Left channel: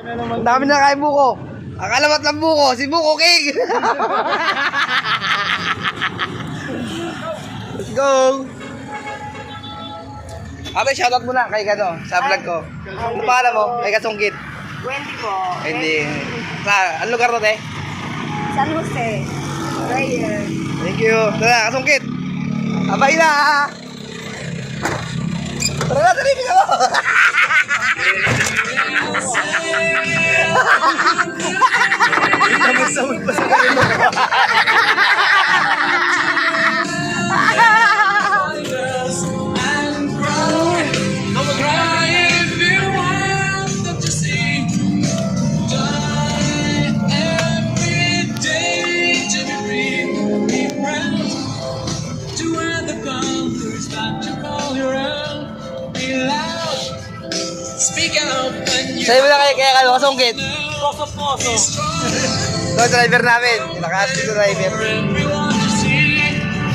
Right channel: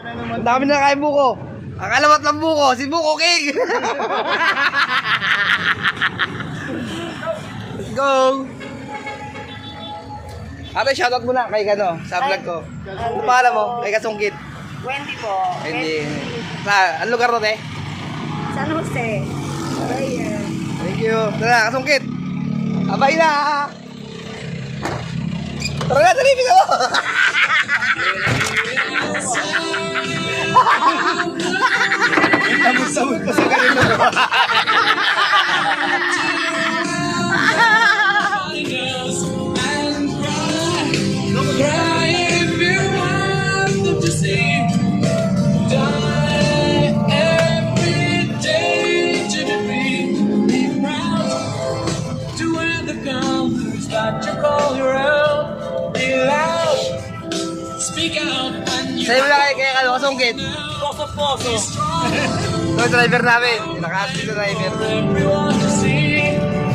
Ang dami na kain buko. Ang alamat ng buko, si Buko King. Let's go. Ate, shoutout mo na kay Gano, sa vlog ko. Ano pangalan mo? Kay Kasungkit. Wendy po. Hindi. Sa, ano lugar to, te? San Jose. Prayer. Thank you. Tara, Kasungkit. Abay na. Tara na, dali ka Sabi mo na kay kaya ano, Kasungkit. poso poso. Ito, driver namin. Yung naka-assist na driver.